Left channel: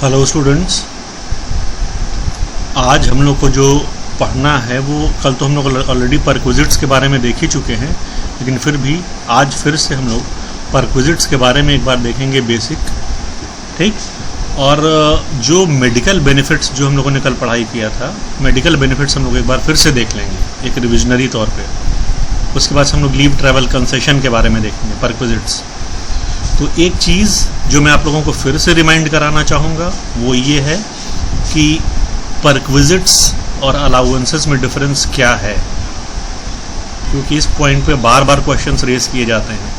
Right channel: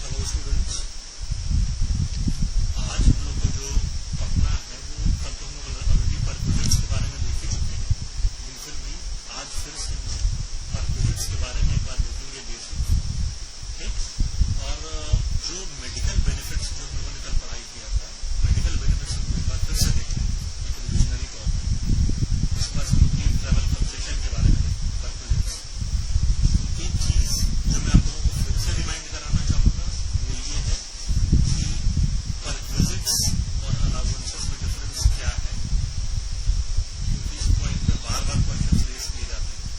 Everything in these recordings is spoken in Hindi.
हेलो स्टूडेंट्स, आज हम लोग को जो पढ़ना है वो कल तो हम लोग ऑलरेडी परक्विजिट्स के बारे में देख ही चुके हैं, लेकिन फिर भी आज फिर से हम लोग परक्विजिट्स के बारे में एक बार देखेंगे बेसिक, ठीक। और जो मेडिकल बेनिफिट्स जो हम लोगों ने कल पढ़ाई किया था, मेडिकल बेनिफिट्स हम लोग एक बार फिर से देख लेंगे एक रिविजनरी तौर पे। उसके बाद हम लोग लीव ट्रैवल कंसेशन के बारे में देखेंगे परक्विजिट्स। तो एक चीज़ जो मैं आप लोगों को फिर से रिमाइंड कराना चाहूँगा वो ये है कि परक्विजिट्स और अलाउंसेस में डिफरेंस क्या है, क्योंकि इस पॉइंट पे बार बार क्वेश्चंस रेज किए जाते हैं।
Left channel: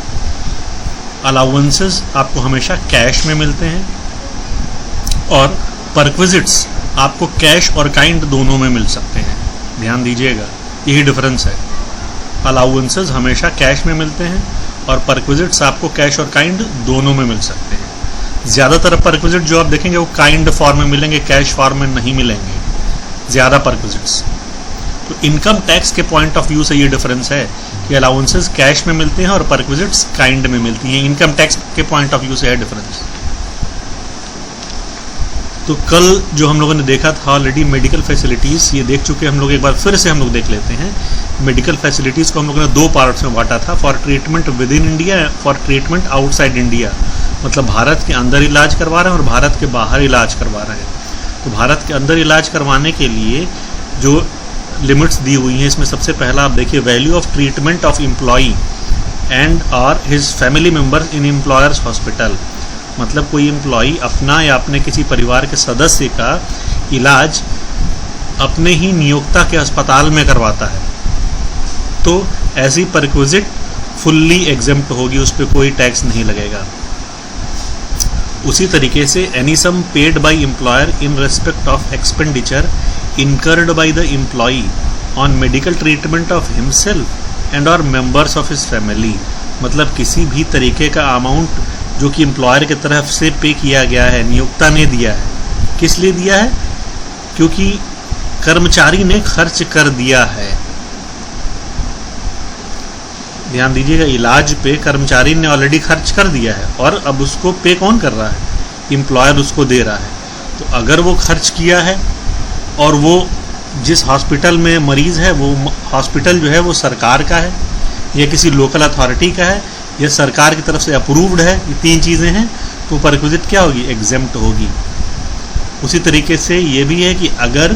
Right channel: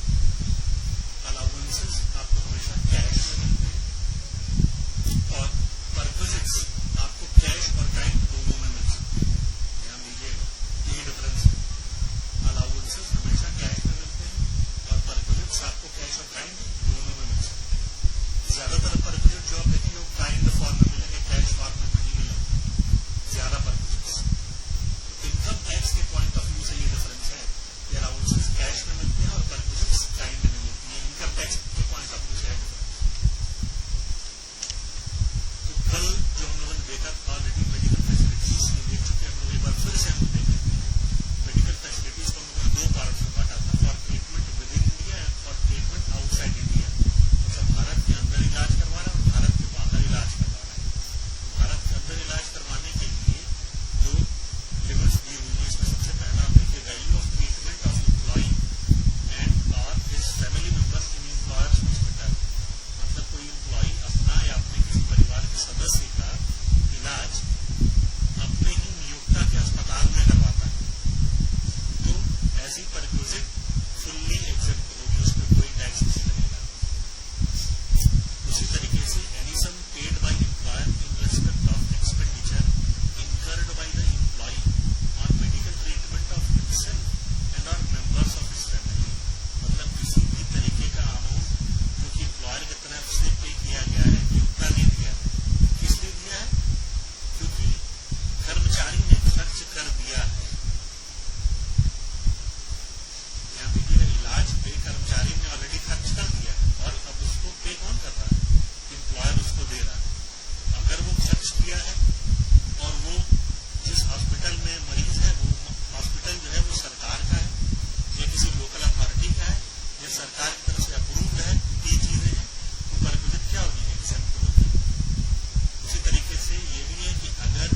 अलाउंसेस आपको हमेशा कैश में मिलते हैं और परक्विजिट्स आपको कैश और काइंड दोनों में मिल सकते हैं। ध्यान दीजिएगा, यही डिफरेंस है। अलाउंसेस हमेशा कैश में मिलते हैं और परक्विजिट्स आपको कैश और काइंड दोनों में मिल सकते हैं। ज़्यादातर परक्विजिट जो आप देखेंगे वो काइंड फॉर्म में मिलेंगे, कैश फॉर्म में नहीं मिलेंगे ज़्यादा परक्विजिट्स। तो इनकम टैक्स के पॉइंट ऑफ व्यू से ये डिफरेंस है कि अलाउंसेस कैश में मिलते हैं और परक्विजिट्स काइंड में मिलती हैं। इनकम टैक्स के पॉइंट ऑफ व्यू से है डिफरेंस। तो कल जो हम लोगों ने देखा था ऑलरेडी मेडिकल फैसिलिटीज़, ये देख चुके हम लोग, एक बार फिर से हम लोग देख लेते हैं। मेडिकल फैसिलिटीज़ को हम लोगों ने दो पार्ट्स में बांटा था, for treatment with in India, for treatment outside India. मतलब भारत के अंदर इलाज करवा रहे हैं और भारत के बाहर इलाज करवा रहे हैं। तो भारत के अंदर इलाज करवाने के लिए जो लिमिट्स दी हुई हैं, इसमें सबसे पहला आप देखिए, value of treatment of employee and और his family members in employer's hospital. मतलब कोई एम्प्लॉई अपना या अपने किसी परिवार के सदस्य का इलाज अपने ही नियोक्ता के अस्पताल में करवाता है तो ऐसी परक्विजिट फुल्ली एग्जेम्प्ट होगी, उस पर कोई टैक्स नहीं लगेगा। उसी तरीके से any sum paid by employer in respect of expenditure incurred by the employee on medical treatment of himself and और मेंबर्स ऑफ हिज फैमिली। मतलब किसी भी तरीके का अमाउंट जो कि एम्प्लॉयर की तरफ से पे किया गया है, नियोक्ता ने दिया है। किस लिए दिया है? क्योंकि कर्मचारी ने खर्च कर दिया है। ध्यान दीजिएगा, इलाज पे कर्मचारी ने ऑलरेडी खर्च कर दिया है और अब उसको पे कौन कर रहा है? एम्प्लॉयर उसको दे रहा है। तो अगर वो खर्च किया है और वो जिस हॉस्पिटल में मरीज है वो हॉस्पिटल जो है वो सरकार का है या किसी लोकल अथॉरिटी का है या सरकार की तरफ से अप्रूव्ड है, ये तीन चीज़ें हैं, तो परक्विजिट क्या होगी? एग्जेम्प्ट होगी। उसी तरीके से ये भी है कि अगर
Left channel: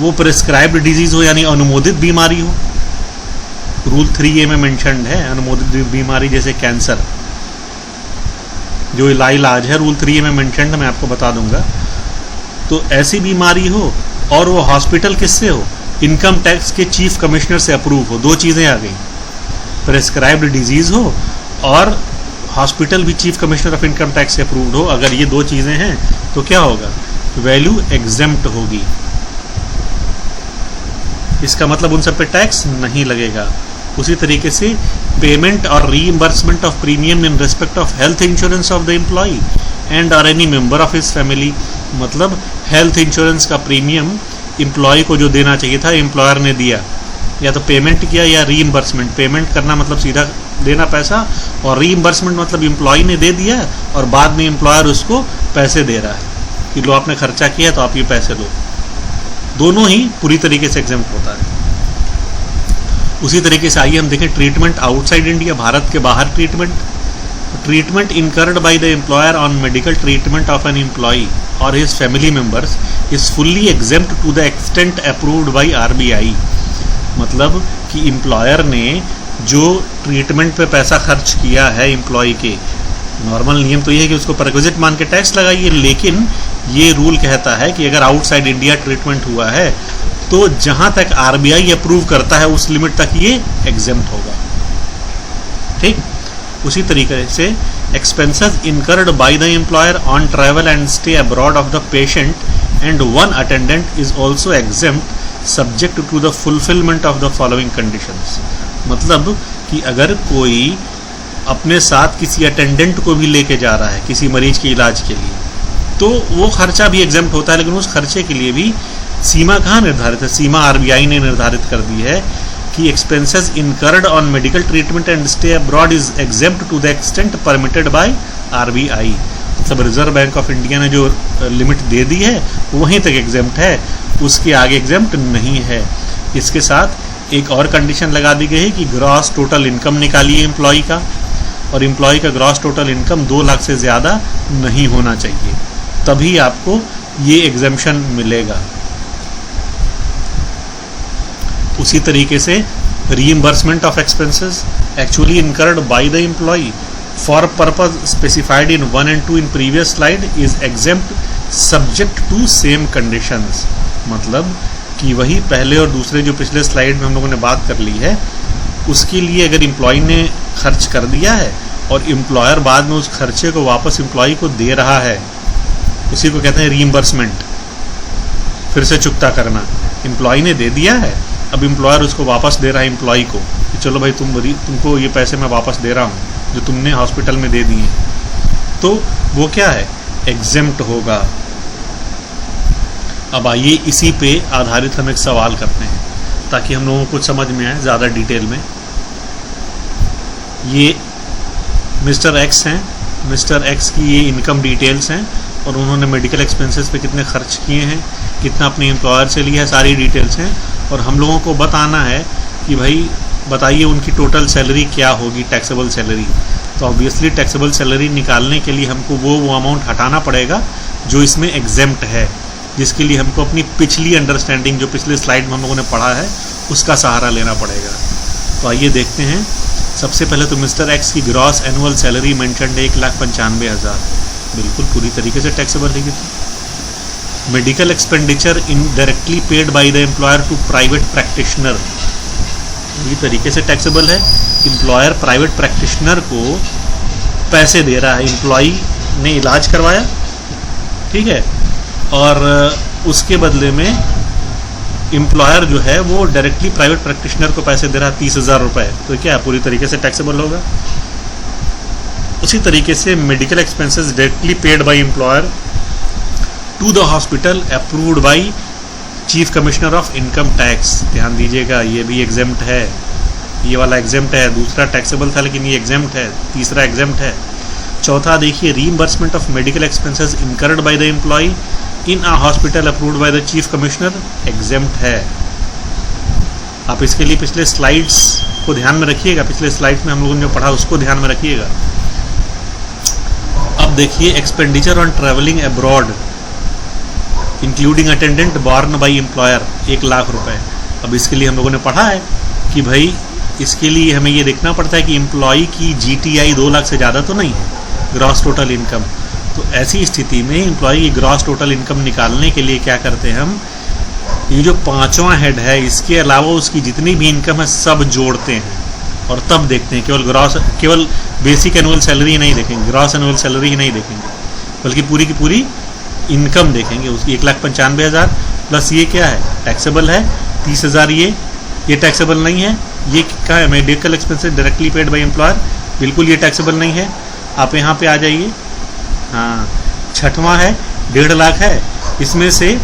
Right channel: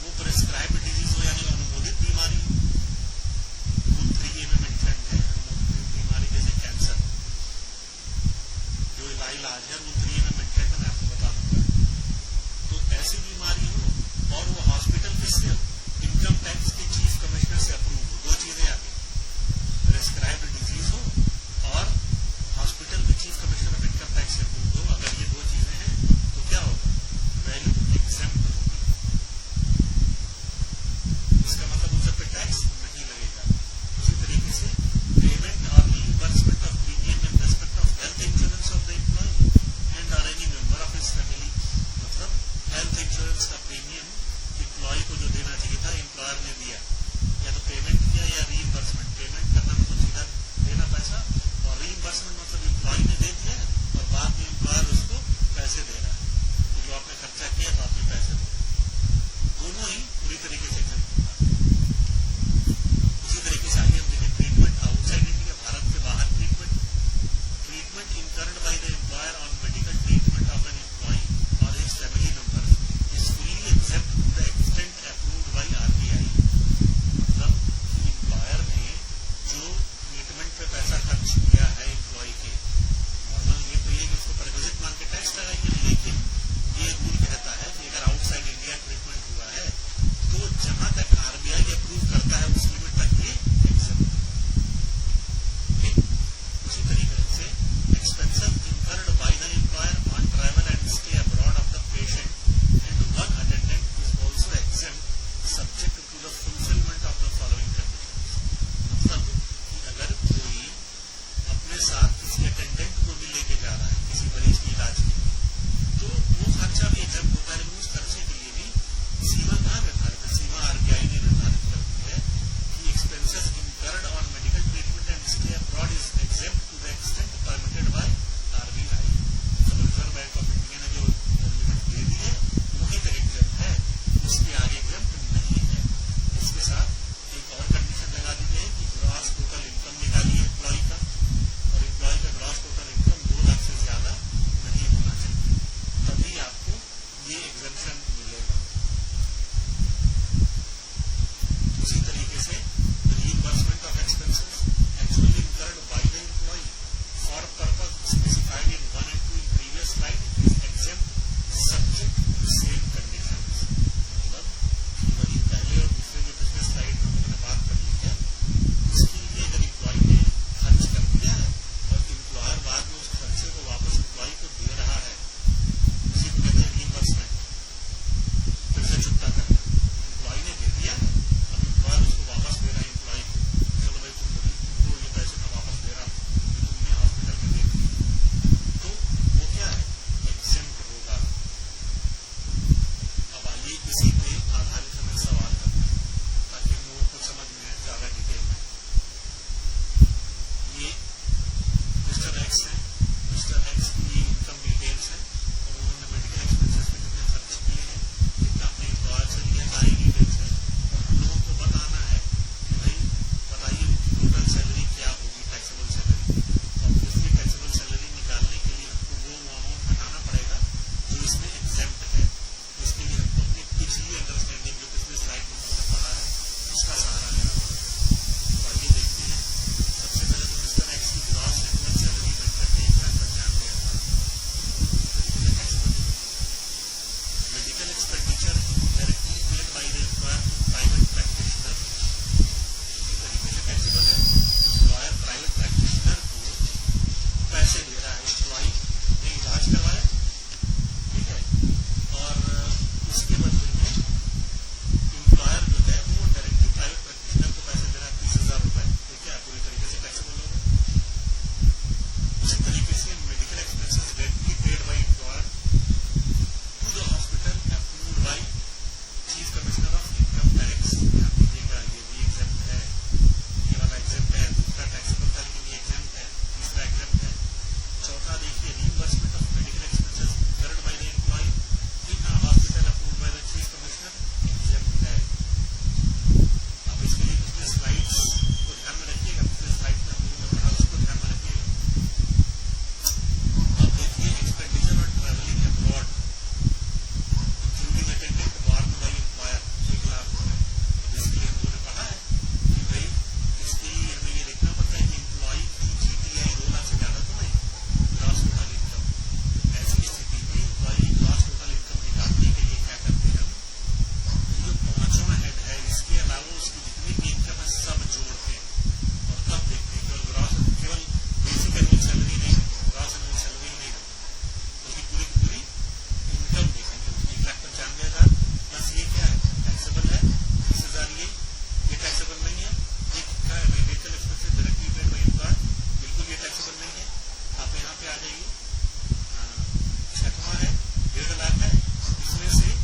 वो प्रिस्क्राइब्ड डिजीज़ हो यानी अनुमोदित बीमारी हो, रूल 3A में मेंशन्ड है अनुमोदित बीमारी, जैसे कैंसर जो इलाज है रूल 3A में मेंशन्ड है, मैं आपको बता दूंगा। तो ऐसी बीमारी हो और वो हॉस्पिटल किससे हो? इनकम टैक्स के चीफ कमिश्नर से अप्रूव हो। दो चीज़ें आ गई, प्रिस्क्राइब्ड डिजीज़ हो और हॉस्पिटल भी chief commissioner of income tax से अप्रूव्ड हो। अगर ये दो चीज़ें हैं तो क्या होगा? वैल्यू एग्जेम्प्ट होगी। इसका मतलब उन सब पे टैक्स नहीं लगेगा। उसी तरीके से पेमेंट और reimbursement of premium in respect of health insurance of the employee and और any member of his family. मतलब हेल्थ इंश्योरेंस का प्रीमियम एम्प्लॉय को जो देना चाहिए था एम्प्लॉयर ने दिया, या तो पेमेंट किया या रीइंबर्समेंट। पेमेंट करना मतलब सीधा देना पैसा, और रीइंबर्समेंट मतलब एम्प्लॉय ने दे दिया और बाद में एम्प्लॉयर उसको पैसे दे रहा है कि लो आपने खर्चा किया तो आप ये पैसे दो। दोनों ही पूरी तरीके से एग्जेम्प्ट होता है। उसी तरीके से आइए हम देखें ट्रीटमेंट आउटसाइड इंडिया, भारत के बाहर treatment incurred by the employer on medical treatment of an employee और his family members is fully exempt to the extent approved by RBI। मतलब कि एम्प्लॉयर ने जो ट्रीटमेंट पे पैसा खर्च किया है एम्प्लॉय के, नॉर्मल नियम तो ये है कि उसको परक्विजिट मान के टैक्स लगाइए, लेकिन ये रूल कहता है कि अगर आउटसाइड इंडिया ट्रीटमेंट हुआ है तो जहां तक RBI अप्रूव करता है उस लिमिट तक ये एग्जेम्प्ट होगा। ठीक। उसी तरीके से expenses incurred by the employer on travel and stay abroad of the patient and one attendant is also exempt subject to the fulfilment of the following conditions. मतलब कि अगर कोई अपने साथ किसी अटेंडेंट को भी लेके जा रहा है किसी मरीज के इलाज के लिए, तो वो खर्चा भी एग्जेम्प्ट होता है, लेकिन उस खर्चे के लिए भी सीमा कहाँ निर्धारित है? सीमा RBI ने निर्धारित कर दी है कि expenses incurred on medical treatment and stay abroad is exempt to the extent permitted by RBI। सब रिजर्व बैंक ऑफ इंडिया ने जो लिमिट दे दी है वहीं तक एग्जेम्प्ट है, उसके आगे एग्जेम्प्ट नहीं है। इसके साथ एक और कंडीशन लगा दी गई है कि ग्रॉस टोटल इनकम निकालिए एम्प्लॉय का, और एम्प्लॉय का ग्रॉस टोटल इनकम 2 लाख से ज़्यादा नहीं होना चाहिए, तभी आपको ये एग्जेम्पशन मिलेगा। उसी तरीके से reimbursement of expenses actually incurred by the employee for purpose specified in 1 and 2 in previous slide is exempt subject to same conditions. मतलब कि वही पहले और दूसरे जो पिछले स्लाइड में हम लोगों ने बात कर ली है, उसके लिए अगर एम्प्लॉय ने खर्च कर दिया है और एम्प्लॉयर बाद में उस खर्चे को वापस एम्प्लॉय को दे रहा है, उसी को कहते हैं रीइंबर्समेंट, फिर से चुकता करना। एम्प्लॉय ने दे दिया है, अब एम्प्लॉयर उसको वापस दे रहा है एम्प्लॉय को कि चलो भाई तुमको ये पैसे मैं वापस दे रहा हूँ जो तुमने हॉस्पिटल में दे दिए, तो वो क्या है, एग्जेम्प्ट होगा। अब आइए इसी पे आधारित हम एक सवाल करते हैं ताकि हम लोगों को कुछ समझ में आए ज़्यादा डिटेल में। ये मिस्टर एक्स हैं, मिस्टर एक्स की ये इनकम डिटेल्स हैं और उन्होंने मेडिकल एक्सपेंसेस पे कितने खर्च किए हैं, कितना अपने एम्प्लॉयर से लिया है, सारी डिटेल्स हैं। और हम लोगों को बताना है कि भाई बताइए उनकी टोटल सैलरी क्या होगी, टैक्सेबल सैलरी। तो ऑब्वियसली टैक्सेबल सैलरी निकालने के लिए हमको वो अमाउंट हटाना पड़ेगा जो इसमें एग्जेम्प्ट है, जिसके लिए हमको अपनी पिछली अंडरस्टैंडिंग जो पिछले स्लाइड में हम लोगों ने पढ़ा है उसका सहारा लेना पड़ेगा। तो आइए देखते हैं। सबसे पहले तो मिस्टर एक्स की ग्रॉस एनुअल सैलरी मेंशन्ड है 1,95,000, बिल्कुल पूरी तरीके से टैक्सेबल है। Medical expenditure indirectly paid by the employer to private practitioner, पूरी तरीके से टैक्सेबल है। एम्प्लॉयर प्राइवेट प्रैक्टिशनर को पैसे दे रहा है, एम्प्लॉई ने इलाज करवाया, ठीक है, और उसके बदले में एम्प्लॉयर जो है वो डायरेक्टली प्राइवेट प्रैक्टिशनर को पैसे दे रहा है 30,000 रुपये, तो क्या पूरी तरीके से टैक्सेबल होगा। उसी तरीके से medical expenses directly paid by employer to the hospital approved by chief commissioner of income tax, ध्यान दीजिएगा ये भी एग्जेम्प्ट है, ये वाला एग्जेम्प्ट है, दूसरा टैक्सेबल था लेकिन ये एग्जेम्प्ट है, तीसरा एग्जेम्प्ट है। चौथा देखिए, reimbursement of medical expenses incurred by the employee in a hospital approved by the chief commissioner, exempt है। आप इसके लिए पिछले स्लाइड्स को ध्यान में रखिएगा, पिछले स्लाइड में हम लोगों ने जो पढ़ा उसको ध्यान में रखिएगा। अब देखिए, expenditure on travelling abroad including attendant born by employer 1 lakh रुपए। अब इसके लिए हम लोगों ने पढ़ा है कि भाई इसके लिए हमें ये देखना पड़ता है कि एम्प्लॉई की GTI 2 लाख से ज़्यादा तो नहीं है, ग्रॉस टोटल इनकम। तो ऐसी स्थिति में एम्प्लॉई की ग्रॉस टोटल इनकम निकालने के लिए क्या करते हैं हम, ये जो 5वां हेड है इसके अलावा उसकी जितनी भी इनकम है सब जोड़ते हैं और तब देखते हैं। केवल बेसिक एनुअल सैलरी नहीं देखेंगे, ग्रॉस एनुअल सैलरी ही नहीं देखेंगे, बल्कि पूरी की पूरी इनकम देखेंगे उसकी। 1,95,000 प्लस ये क्या है, टैक्सेबल है 30,000, ये टैक्सेबल नहीं है। ये क्या है, medical expenses directly paid by employer, बिल्कुल ये टैक्सेबल नहीं है। आप यहाँ पे आ जाइए, हाँ 6वां है 1.5 लाख है, इसमें से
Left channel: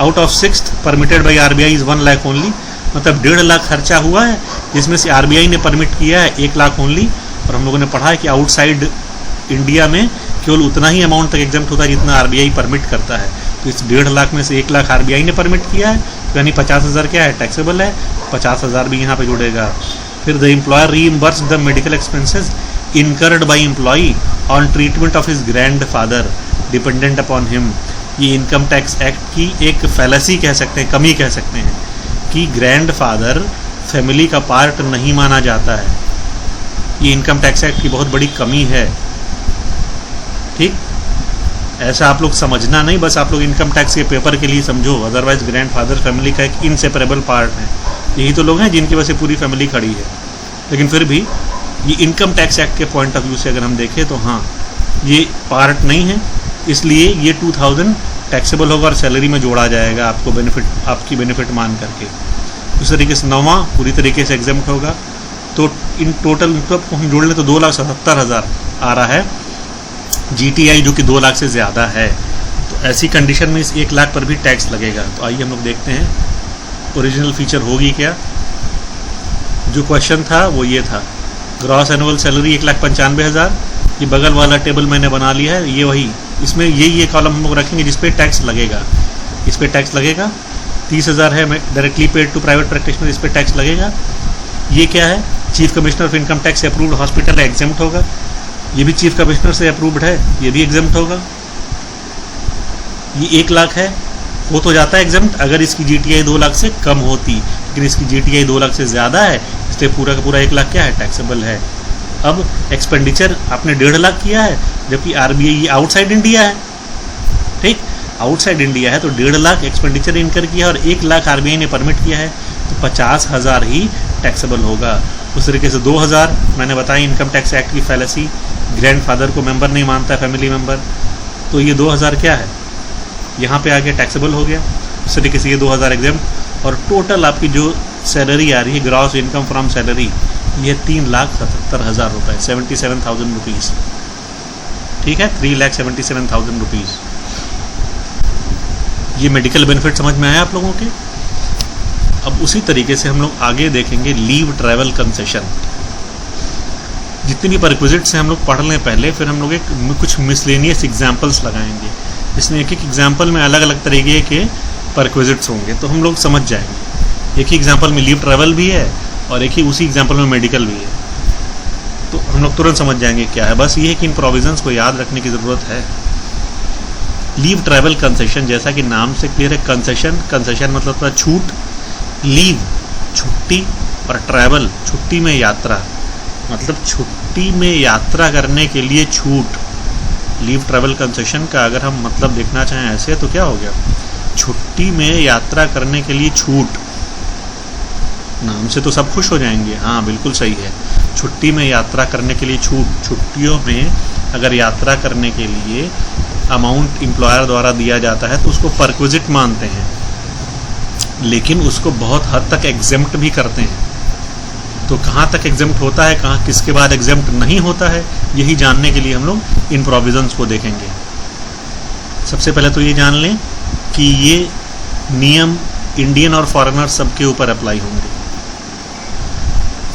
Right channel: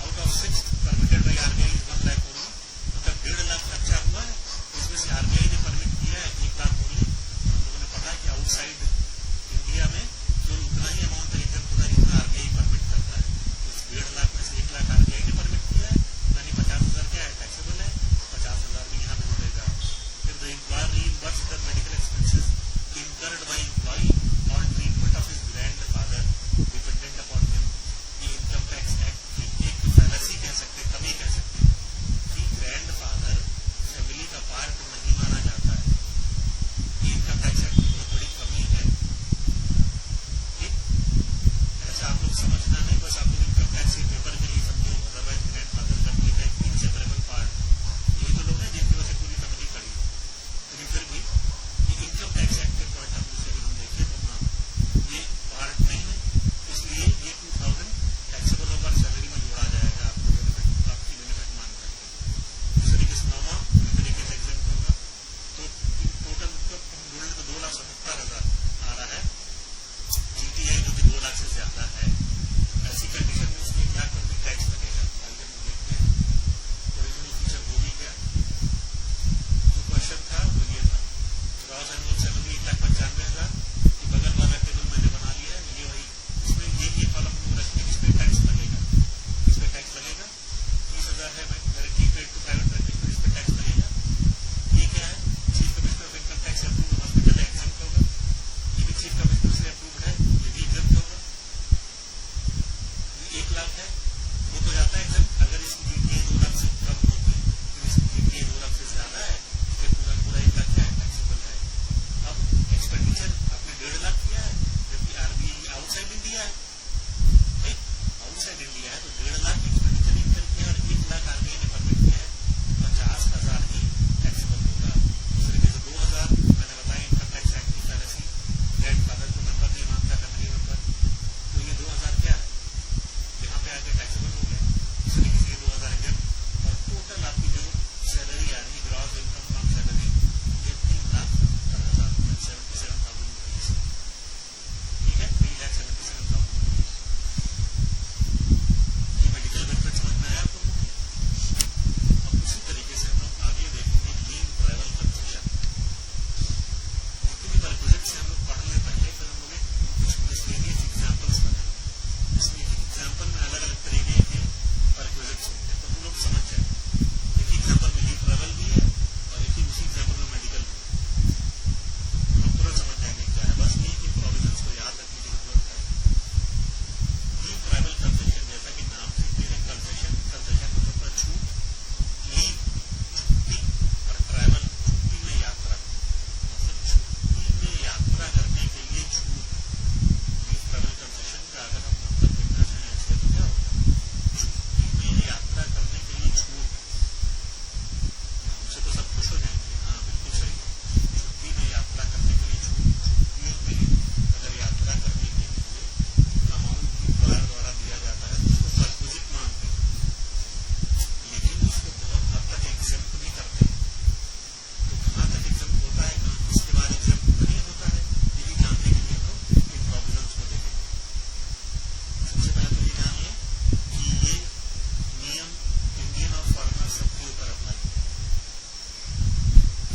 out of 6th permitted by RBI is 1 lakh only, मतलब 1.5 लाख खर्चा हुआ है जिसमें से RBI ने परमिट किया है 1 लाख ओनली। और हम लोगों ने पढ़ा है कि आउटसाइड इंडिया में केवल उतना ही अमाउंट तक एग्जेम्प्ट होता है जितना RBI परमिट करता है। तो इस 1.5 लाख में से 1 लाख RBI ने परमिट किया है, यानी 50,000 क्या है, टैक्सेबल है, 50,000 भी यहाँ पे जुड़ेगा। फिर the employer reimburse the medical expenses incurred bye employee on treatment of his grand father dependent upon him. ये इनकम टैक्स एक्ट की एक फैलेसी कह सकते हैं, कमी कह सकते हैं कि ग्रैंड फादर फैमिली का पार्ट नहीं माना जाता है। ये इनकम टैक्स एक्ट की बहुत बड़ी कमी है, ठीक। ऐसा आप लोग समझना नहीं, बस आप लोग इनकम टैक्स के पेपर के लिए समझो, अदरवाइज ग्रैंड फादर फैमिली का एक इनसेपरेबल पार्ट है। यही तो लोग हैं जिनकी वजह से पूरी फैमिली खड़ी है। लेकिन फिर भी ये इनकम टैक्स एक्ट के पॉइंट ऑफ व्यू से अगर हम देखें तो हाँ ये पार्ट नहीं है, इसलिए ये 2000 टैक्सेबल होगा और सैलरी में जोड़ा जाएगा आपको बेनिफिट, आपकी बेनिफिट मान करके। इस तरीके से 9वां पूरी तरीके से एग्जेम्प्ट होगा। तो इन टोटल को हम जोड़ लें तो 2,77,000 आ रहा है GTI, जो कि 2 लाख से ज़्यादा है। तो ऐसी कंडीशन में इस 1 लाख पर भी टैक्स लगेगा। तो आइए हम लोग देखते हैं ओरिजिनल फीचर होगी क्या। जो क्वेश्चन था वो ये था, ग्रॉस एनुअल सैलरी 1,95,000, ये बगल वाला टेबल मैंने बना लिया है, ये वही इसमें ये कॉलम हम लोग रखेंगे जिस पे टैक्स लगेगा, इस पे टैक्स लगेगा। 30,000 है directly paid to private practitioner, इस पे टैक्स लगेगा। ये क्या है, chief commissioner of income tax approved hospital है, एग्जेम्प्ट होगा। ये भी चीफ कमिश्नर से अप्रूव्ड है, ये भी एग्जेम्प्ट होगा। ये 1 लाख है, वो तो जाता है एग्जेम्प्ट अगर इसकी जीटीआई 2 लाख से कम होती, लेकिन इसकी जीटीआई 2 लाख से ज़्यादा है, इसलिए पूरा का पूरा 1 लाख क्या है, टैक्सेबल है। अब एक्सपेंडिचर आपने 1.5 लाख किया है, जबकि आरबीआई आउटसाइड इंडिया है, ठीक, आउटसाइड इंडिया है तो 1.5 लाख एक्सपेंडिचर इनकर किया और 1 लाख आरबीआई ने परमिट किया है, तो 50,000 ही टैक्सेबल होगा। उस तरीके से 2,000 मैंने बताया इनकम टैक्स एक्ट की फैलेसी, ग्रैंडफादर को मेंबर नहीं मानता फैमिली मेंबर, तो ये 2,000 क्या है, यहाँ पे आके टैक्सेबल हो गया। उस तरीके से ये 2,000 एग्जाम्प्ट, और टोटल आपकी जो सैलरी आ रही है ग्रॉस इनकम फ्रॉम सैलरी, ये 3,77,000 रुपये, 77,000 रुपीज़, ठीक है, 3,77,000 रुपीज़। ये मेडिकल बेनिफिट समझ में आया आप लोगों के। अब उसी तरीके से हम लोग आगे देखेंगे लीव ट्रैवल कंसेशन। जितनी भी परक्विजिट्स हैं हम लोग पढ़ लें पहले, फिर हम लोग कुछ मिसलेनियस एग्जाम्पल्स लगाएंगे, इसमें एक एक एग्जाम्पल में अलग अलग तरीके के परक्विजिट्स होंगे, तो हम लोग समझ जाएंगे। एक ही एग्जाम्पल में लीव ट्रैवल भी है और एक ही उसी एग्जाम्पल में मेडिकल भी है, तो हम लोग तुरंत समझ जाएंगे क्या है। बस ये है कि इन प्रोविजंस को याद रखने की ज़रूरत है। लीव ट्रैवल कंसेशन, जैसा कि नाम से क्लियर है, कंसेशन मतलब था छूट, लीव छुट्टी, और ट्रैवल छुट्टी में यात्रा, मतलब छुट्टी में यात्रा करने के लिए छूट। लीव ट्रैवल कंसेशन का अगर हम मतलब देखना चाहें ऐसे तो क्या हो गया, छुट्टी में यात्रा करने के लिए छूट। नाम से तो सब खुश हो जाएंगे, हाँ बिल्कुल सही है, छुट्टी में यात्रा करने के लिए छूट। छुट्टियों में अगर यात्रा करने के लिए अमाउंट एम्प्लॉयर द्वारा दिया जाता है तो उसको परक्विजिट मानते हैं, लेकिन उसको बहुत हद तक एग्जेम्प्ट भी करते हैं। तो कहाँ तक एग्जेम्प्ट होता है, कहाँ किसके बाद एग्जेम्प्ट नहीं होता है, यही जानने के लिए हम लोग इन प्रोविजंस को देखेंगे। सबसे पहले तो ये जान लें कि ये नियम इंडियन और फॉरेनर सबके ऊपर अप्लाई होंगे।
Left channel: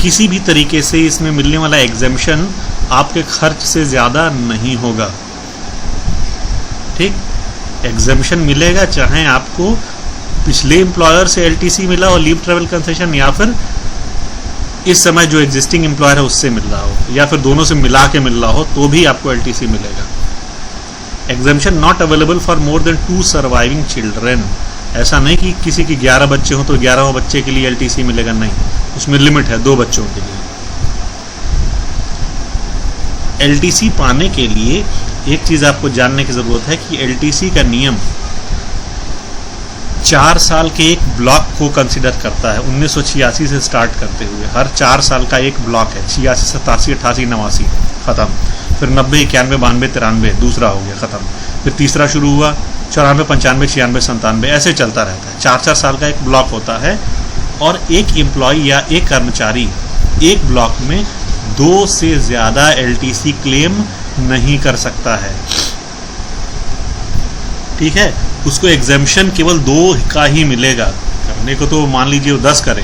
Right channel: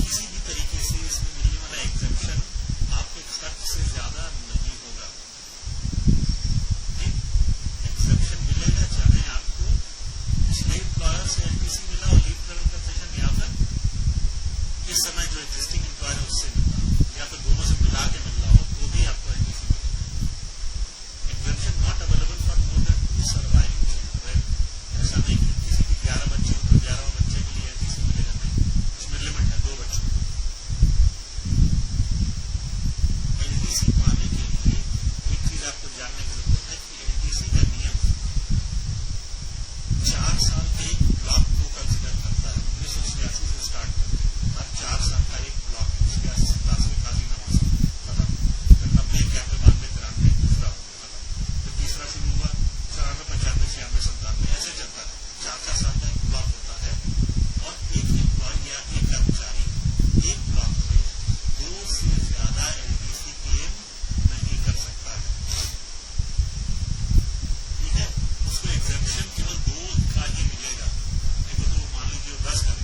किसी भी तरीके से इसमें मिलने वाला एग्जेम्पशन आपके खर्च से ज़्यादा नहीं होगा, ठीक। एग्जेम्पशन मिलेगा चाहे आपको पिछले एम्प्लॉयर से एलटीसी मिला हो लीव ट्रैवल कंसेशन, या फिर इस समय जो एग्जिस्टिंग एम्प्लॉयर है उससे मिल रहा हो, या फिर दोनों से मिला के मिल रहा हो, तो भी आपको एलटीसी मिलेगा। Exemption not available for more than 2 surviving children. ऐसा नहीं कि किसी की 11 बच्चे हों तो 11वें बच्चे के लिए एलटीसी मिलेगा, नहीं, उसमें लिमिट है 2 बच्चों के लिए। एलटीसी पाने के लिए एक चीज़ आपको जानने की ज़रूरत है कि एलटीसी का नियम 4 साल के एक ब्लॉक को कंसिडर करता है। 1986 से स्टार्ट करते हुए हर 4 साल का एक ब्लॉक है, 86, 87, 88, 89 ख़त्म, फिर 90, 91, 92, 93 दूसरा हो गया ख़त्म, फिर तीसरा शुरू हुआ 94, 95, 96, 97, ऐसे चलता रहता है। 4-4 साल का एक ब्लॉक होता है, और एक एम्प्लॉय या एक कर्मचारी एक ब्लॉक में 2 से ज़्यादा एलटीसी क्लेम नहीं कर सकता है, ठीक है। उसको एग्जेम्पशन केवल 2 का ही मिलेगा, करने को तो मान लीजिए वो 10 करे,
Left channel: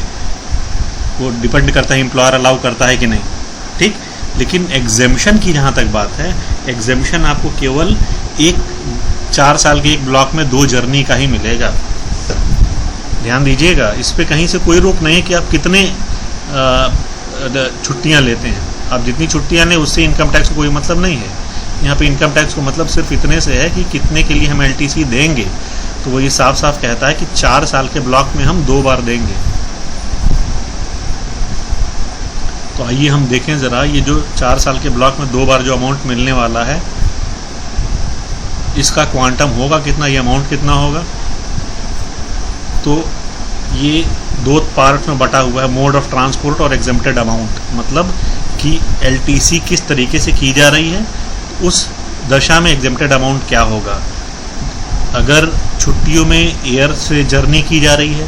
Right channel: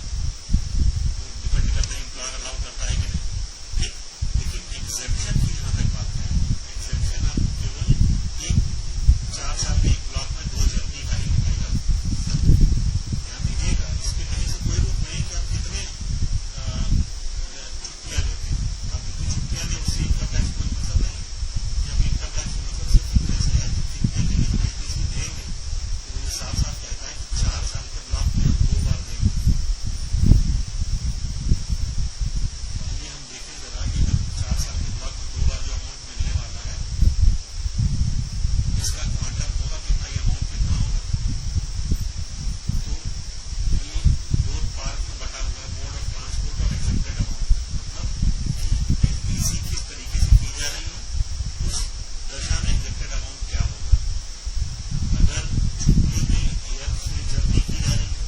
वो डिपेंड करता है एम्प्लॉयर अलाउ करता है कि नहीं, ठीक। लेकिन एग्जेम्पशन की जहाँ तक बात है, एग्जेम्पशन आपको केवल 4 साल के एक ब्लॉक में 2 जर्नी का ही मिलेगा। ध्यान दीजिएगा, इस पे कहीं से कोई रोक नहीं है कि आप कितने छुट्टियाँ लेते हैं। आप जितनी छुट्टियाँ लें उससे इनकम टैक्स को कोई मतलब नहीं है। यहाँ पे इनकम टैक्स को मतलब सिर्फ इतने से है कि कितने के लिए हम एलटीसी देंगे, तो वो ये साफ साफ कहता है कि 4 साल के ब्लॉक में हम 2 बार देंगे। तो आइए हम देखें ज़रा, ये जो 4 साल के ब्लॉक में 2 बार जो अमाउंट मिलने वाला है, इसका क्वांटम होगा कितना, ये अमाउंट कितना होगा। तो ये 2 पार्ट में बटा हुआ है, मोड ऑफ ट्रांसपोर्ट और एग्जेम्प्टेड अमाउंट, मतलब कि एलटीसी किस तरीके से की जा रही है, उस दशा में एग्जेम्प्टेड अमाउंट क्या होगा। अगर छुट्टियों में एयर से जर्नी की जा रही है,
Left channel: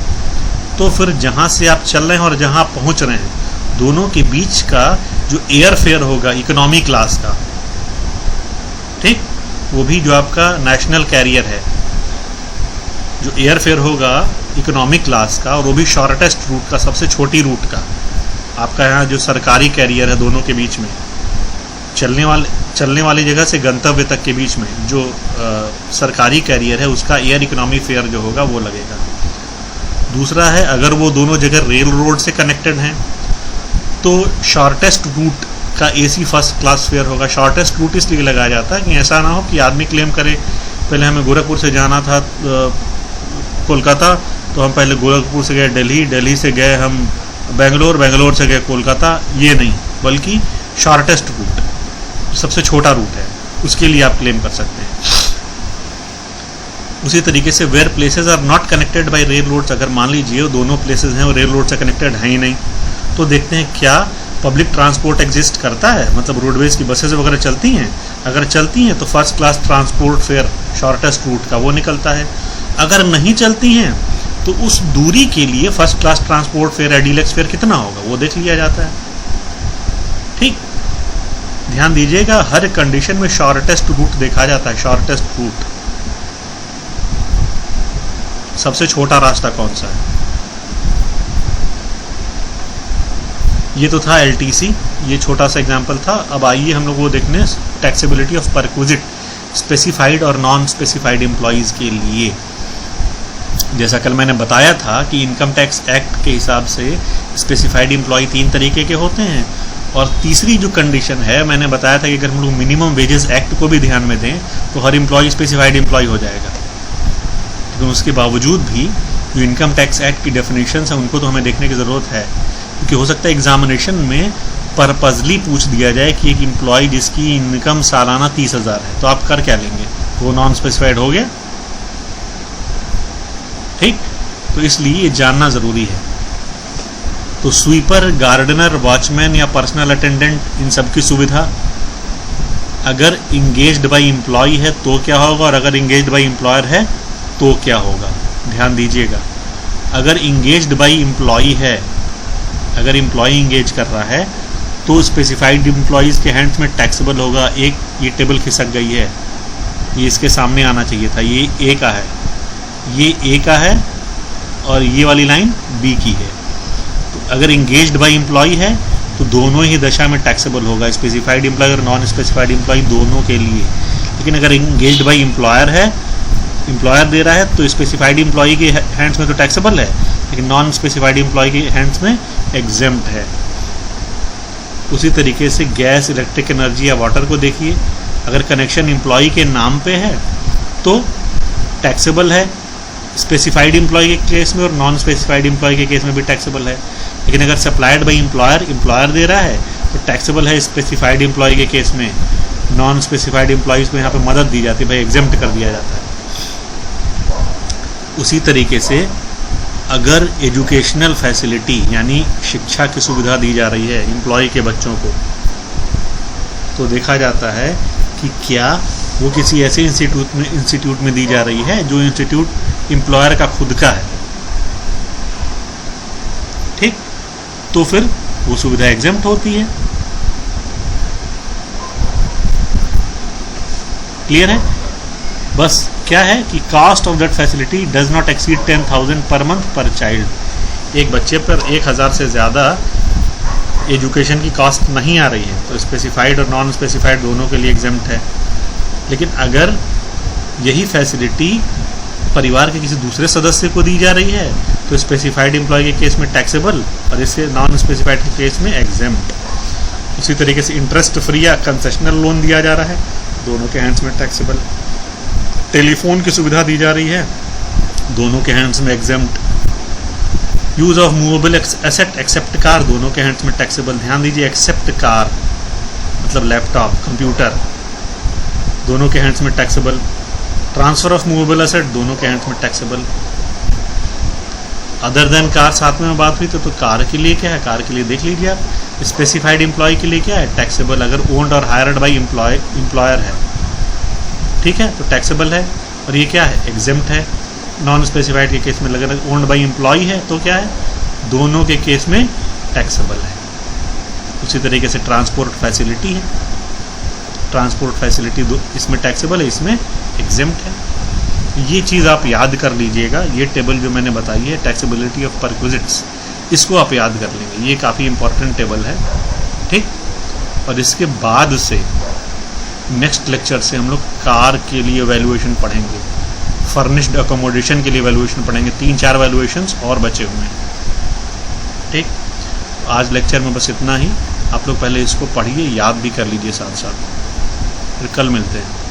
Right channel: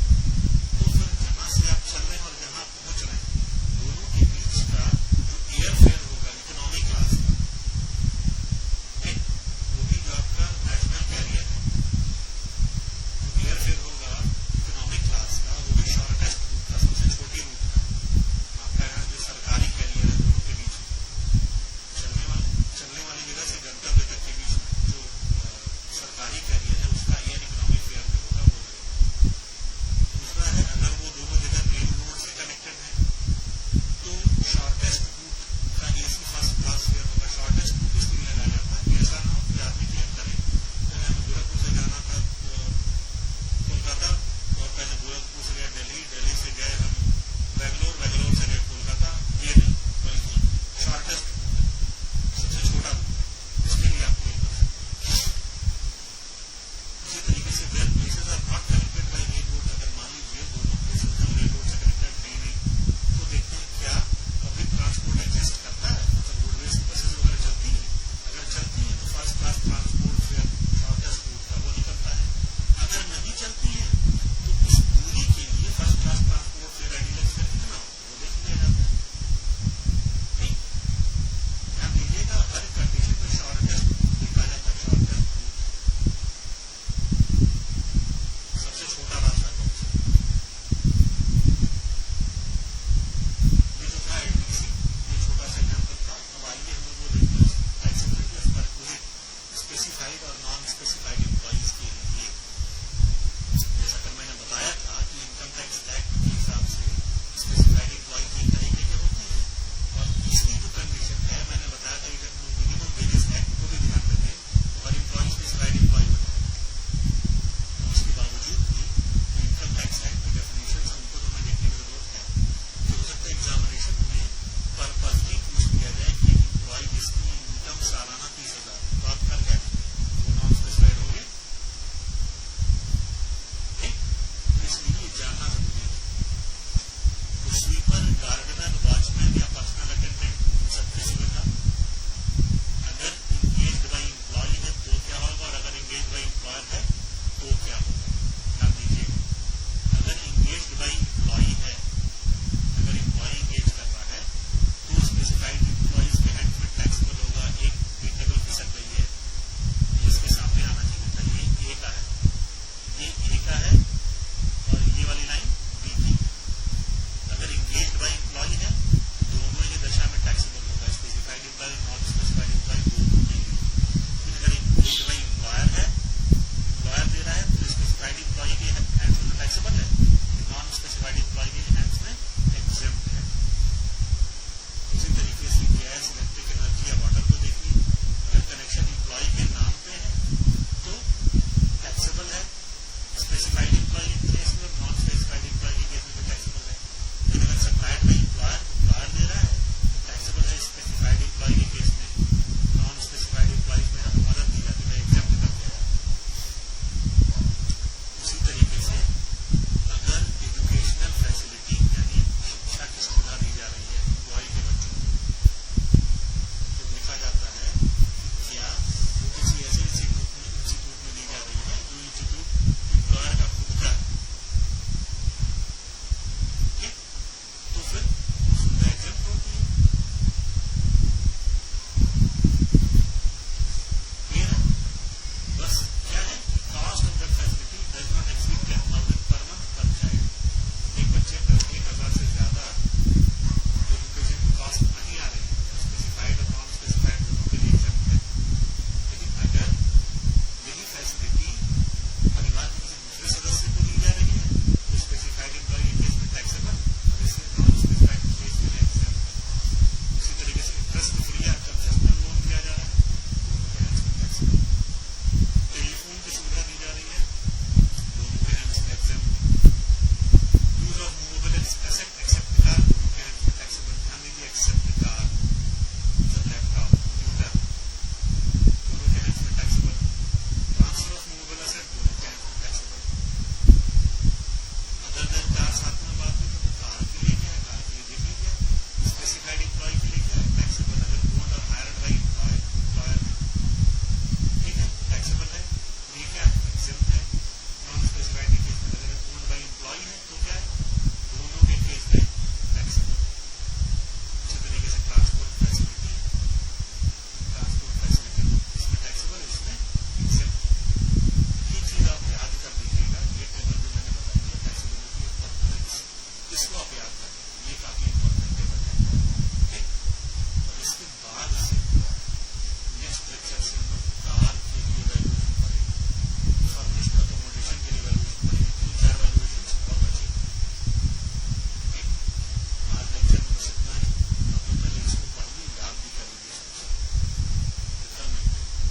तो फिर जहाँ से आप चल रहे हैं और जहाँ आप पहुँच रहे हैं, दोनों के बीच का जो एयर फेयर होगा इकोनॉमी क्लास का, ठीक, वो भी जो आपका नेशनल कैरियर है, जो एयर फेयर होगा इकोनॉमिक क्लास का, और वो भी शॉर्टेस्ट रूट का, सबसे छोटी रूट का, आपका यहाँ जो सरकारी कैरियर है दोनों के बीच में, चलने वाली जगह से गंतव्य तक के बीच में जो सरकारी कैरियर है उसका एयर इकोनॉमी फेयर जो होगा वो लगेगा। दूसरा है अगर वो दोनों जगह रेल रोड से कनेक्टेड हैं तो शॉर्टेस्ट रूट का AC फर्स्ट क्लास फेयर होगा। शॉर्टेस्ट रूट इसलिए लगाया जाता है कि ऐसा ना हो कि आदमी क्लेम करे पहले हमें गोरखपुर से जाना था कोलकाता, तो हम पहले गोरखपुर से गए दिल्ली, दिल्ली से गए हम बेंगलोर, बेंगलोर से गए कोलकाता। ये नहीं, बल्कि शॉर्टेस्ट रूट, सबसे छोटा रूट है, उसके लिए आप क्लेम कर सकते हैं। उसी तरीके से where places are not connected by rail roads, अगर मान लीजिए वो दोनों प्लेसेस हैं और रेल रोड से कनेक्टेड है ही नहीं, तो देखते हैं क्या पब्लिक ट्रांसपोर्ट एग्जिस्ट करता है, मतलब रोडवेज की बसेस वगैरह चलती हैं। अगर चलती हैं तो first class transport fair shortest route का वो निकलता है। अगर नहीं चलती हैं तो उस दूरी के लिए फर्स्ट क्लास ट्रांसपोर्ट फेयर या डीलक्स फेयर कितना होगा वो देख लिया जाता है। ठीक, ध्यान दीजिएगा, हर कंडीशन में शॉर्टेस्ट रूट देखा जाता है। शॉर्टेस्ट रूट, सबसे छोटा रास्ता कौन सा है। ये तो था LTC, ये छोटा सा एग्जांपल था। अब आइए हम लोग वो देखने टैक्सेबिलिटी ऑफ परक्विजिट स्पेसिफाइड और नॉन स्पेसिफाइड एम्प्लॉयज़ के लिए। जैसा कल मैंने बताया था कि इनकम टैक्स एक्ट के हिसाब से स्पेसिफाइड एम्प्लॉय 3 तरीके के होते हैं, और तीसरी जो कंडीशन है मैंने बताया था कि अगर हम लोग मिनिमम वेजेस एक्ट को भी ध्यान में दें तो हर एम्प्लॉय स्पेसिफाइड एम्प्लॉय हो जाएगा। लेकिन उसके बावजूद भी जो इनकम टैक्स एक्ट की डेफिनेशंस हैं उनको तो हमें देखने की ज़रूरत है, क्योंकि हो सकता है एग्जामिनेशन में पर्पजली पूछ दिया जाए कि एक एम्प्लॉय जिसकी इनकम सालाना 30,000 है तो आप कर क्या लेंगे, वो नॉन स्पेसिफाइड हो गया। ठीक, तो इसलिए ये जानना ज़रूरी है। तो स्वीपर, गार्डनर, वॉचमैन या पर्सनल अटेंडेंट, इन सब की सुविधा अगर इंगेज्ड बाय एम्प्लॉय है तो क्या होगा, और अगर इंगेज्ड बाय एम्प्लॉयर है तो क्या होगा। ध्यान दीजिएगा, अगर इंगेज्ड बाय एम्प्लॉय है, अगर एम्प्लॉय इंगेज कर रहा है तो स्पेसिफाइड एम्प्लॉयज़ के हैंड्स में टैक्सेबल होगा। एक ये टेबल खिसक गई है, ये इसके सामने आना चाहिए था, ये A का है, ये A का है और ये वाली लाइन B की है। तो अगर इंगेज्ड बाय एम्प्लॉय है तो दोनों ही दशा में टैक्सेबल होगा, स्पेसिफाइड एम्प्लॉय और नॉन स्पेसिफाइड एम्प्लॉय दोनों के लिए। लेकिन अगर इंगेज्ड बाय एम्प्लॉयर है, एम्प्लॉयर दे रहा है, तो स्पेसिफाइड एम्प्लॉय के हैंड्स में तो टैक्सेबल है, लेकिन नॉन स्पेसिफाइड एम्प्लॉय के हैंड्स में एग्जेम्प्ट है। उसी तरीके से गैस, इलेक्ट्रिक एनर्जी या वाटर को देखिए, अगर कनेक्शन एम्प्लॉय के नाम पे है तो टैक्सेबल है स्पेसिफाइड एम्प्लॉय के केस में, और नॉन स्पेसिफाइड एम्प्लॉय के केस में भी टैक्सेबल है। लेकिन अगर supplied by employer, employer they रहा है तो टैक्सेबल है स्पेसिफाइड एम्प्लॉय के केस में। नॉन स्पेसिफाइड एम्प्लॉयज़ को यहाँ पे मदद दी जाती है, भाई एग्जेम्प्ट कर दिया जाता है। उसी तरीके से अगर एजुकेशनल फैसिलिटी यानी शिक्षा की सुविधा दी जा रही है एम्प्लॉय के बच्चों को, तो देखा जाता है कि क्या वो किसी ऐसे इंस्टीट्यूट में दी जा रही है जो इंस्टीट्यूट एम्प्लॉयर का खुद का है। ठीक, तो फिर वो सुविधा एग्जेम्प्ट होती है। क्लियर है? बस क्या है कि cost of that facility does not exceed 10,000 per month पर चाइल्ड। एक बच्चे पर 1,000 से ज़्यादा एजुकेशन की कॉस्ट नहीं आ रही है तो स्पेसिफाइड और नॉन स्पेसिफाइड दोनों के लिए एग्जेम्प्ट है। लेकिन अगर यही फैसिलिटी परिवार के किसी दूसरे सदस्य को दी जा रही है तो स्पेसिफाइड एम्प्लॉय के केस में टैक्सेबल और इससे नॉन स्पेसिफाइड के केस में एग्जेम्प्ट। उसी तरीके से इंटरेस्ट फ्री या कंसेशनल लोन दिया जा रहा है, दोनों के हैंड्स में टैक्सेबल। टेलीफोन की सुविधा दी जा रही है, दोनों के हैंड्स में exempt. Use of movable asset except car, दोनों के हैंड्स में टैक्सेबल। ध्यान दीजिए, एक्सेप्ट कार मतलब लैपटॉप, कंप्यूटर, दोनों के हैंड्स में taxable. Transfer of movable asset, दोनों के हैंड्स में टैक्सेबल। अदर देन कार साथ में बात हुई तो कार के लिए क्या है, कार के लिए देख लीजिए आप। स्पेसिफाइड एम्प्लॉय के लिए क्या है, टैक्सेबल। अगर ओन्ड और हायर्ड बाई एम्प्लॉयर है, ठीक है, तो टैक्सेबल है। और ये क्या है, एग्जेम्प्ट है। नॉन स्पेसिफाइड के केस में अगर ओन्ड बाई एम्प्लॉय है तो क्या है, दोनों के केस में टैक्सेबल है। उसी तरीके से ट्रांसपोर्ट फैसिलिटी है, ट्रांसपोर्ट फैसिलिटी इसमें टैक्सेबल है, इसमें एग्जेम्प्ट है। ये चीज़ आप याद कर लीजिएगा। ये टेबल जो मैंने बताई है टैक्सेबिलिटी ऑफ परक्विजिट्स, इसको आप याद कर लेंगे, ये काफ़ी इंपॉर्टेंट टेबल है। ठीक, और इसके बाद से नेक्स्ट लेक्चर से हम लोग कार के लिए वैल्यूएशन पढ़ेंगे, फर्निश्ड अकोमोडेशन के लिए वैल्यूएशन पढ़ेंगे। 3-4 वैल्यूएशंस और बचे हुए हैं। ठीक, आज लेक्चर में बस इतना ही। आप लोग पहले इसको पढ़िए, याद भी कर लीजिए साथ साथ, फिर कल मिलते हैं।